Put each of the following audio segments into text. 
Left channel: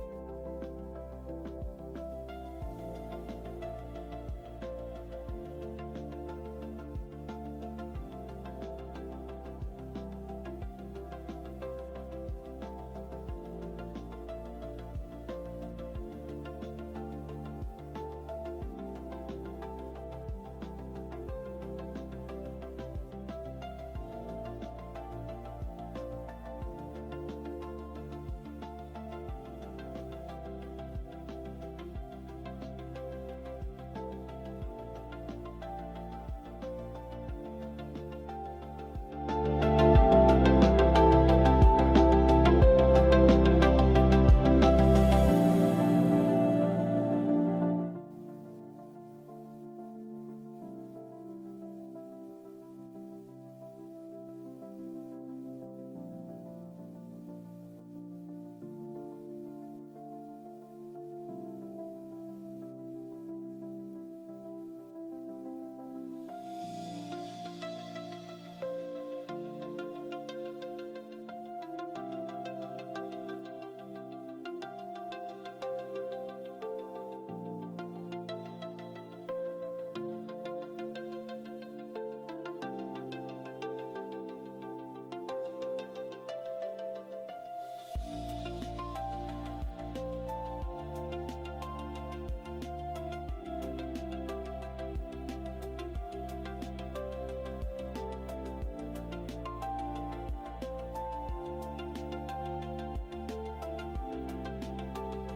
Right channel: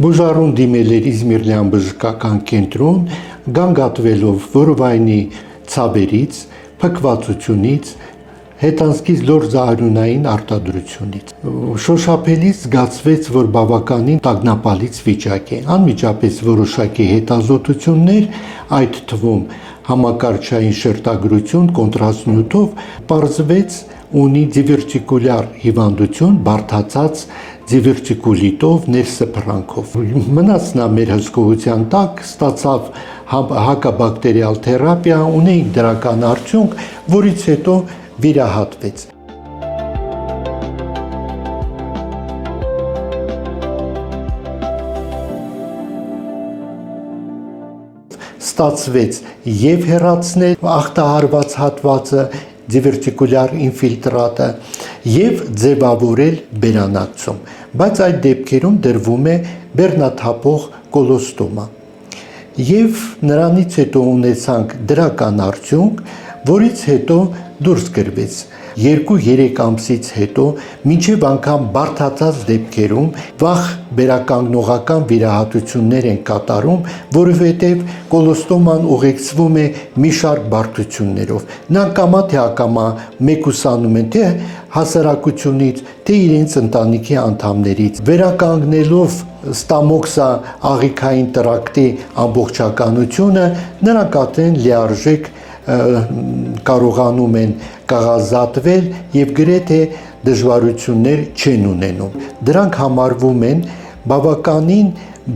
Բուժարուն դիմել էր Իզմիրլյան բժշկական կենտրոն, գանգատվելով որովայնի ցավերից, փքվածությունից, հետանցքից լոր զարյունային արտադրությունից։ Շոշափելիս զգացվեց, որ բավականին տագնապալից վիճակ է։ Անմիջապես որոշակի հետազոտություններ, այդ թվում համակարգչային շերտագրություն կոնտրաստնյութով, պարզվեց ունի դիվերտիկուլյար հիվանդություն, բարդացած դիվերտիկուլիտով, ներսփռանքով։ Մնաց նա մեր հսկողության տակ, ստացավ հակաբակտերիալ թերապիա, ունի դրական արդյունք, որից հետո վիրահատվեց։ Ստացվեց եւ հեռացնել ախտահարված հատվածը, դիվերտիկուլյար ինֆիլտրատը եւ ձևավորել բերանացում, բայց այդ դեպքերում դրվում է բեռնաթափող կոլոստոմա։ Եվ նրանից հետո ունեցանք դրական արդյունք, որից հետո դուրս գրվեց 2-3 ամսից հետո մինչև անգամ բարդացած դեպքերում վաղ վերականգնողական վիրահատություններ են կատարում, որովհետև կոլոստոման ուղեկցվում է մի շարք բարդություններով։ Նրանք կամա թե ակամա մեկուսանում են թե հասարակությունից, թե իրենց ընտանիքի անդամներից, վերականգնելով ստամոքսա աղիքային տրակտի ամբողջականությունը, նրանք արդեն լիարժեք կարողանում են կաղազատվել եւ գրեթե դժվարություններ չեն ունենում։ Դրանք համարվում են բավականին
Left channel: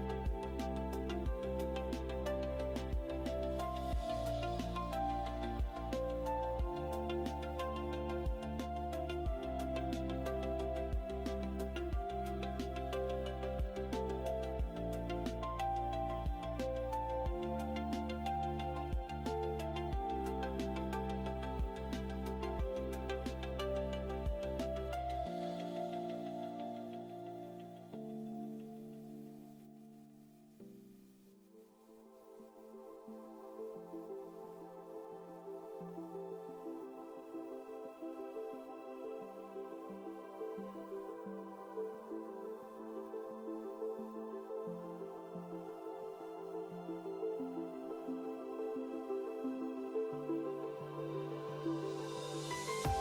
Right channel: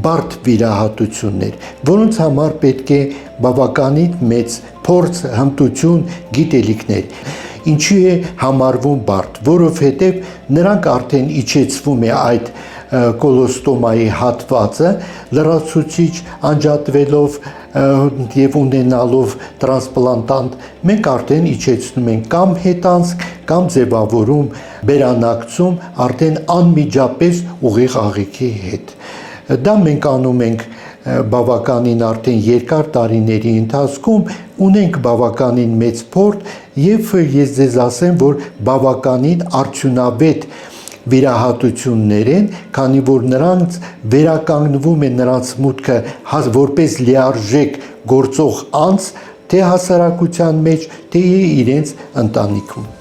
բարդ վիրահատություններ, որոնց համար պետք է բավականին մեծ փորձ, հմտություն, գիտելիքներ։ Ինչի է համարվում բարդ, որովհետև նրանք արդեն իջեցվում է այդ կոլոստոմայի հատվածը, լրացուցիչ անջատվելով եւ ունենալով տրանսպլանտանտ, մենք արդեն իջեցնում ենք կամ հետանցք, կամ ձևավորում բերանակցում արդեն անմիջապես ուղիղ աղիքի հետ։ Դա մենք անում ենք բավականին արդեն երկար տարիների ընթացքում, ունենք բավականին մեծ փորձ եւ ես ձեզ ասեմ, որ բավականին արդյունավետ վիրահատություններ են, քանի որ նրանց վերականգնվում է նրանց մուտքը որպես լիարժեք գործող անձ, թե հասարակության մեջ, թե իրենց ընտանիքում։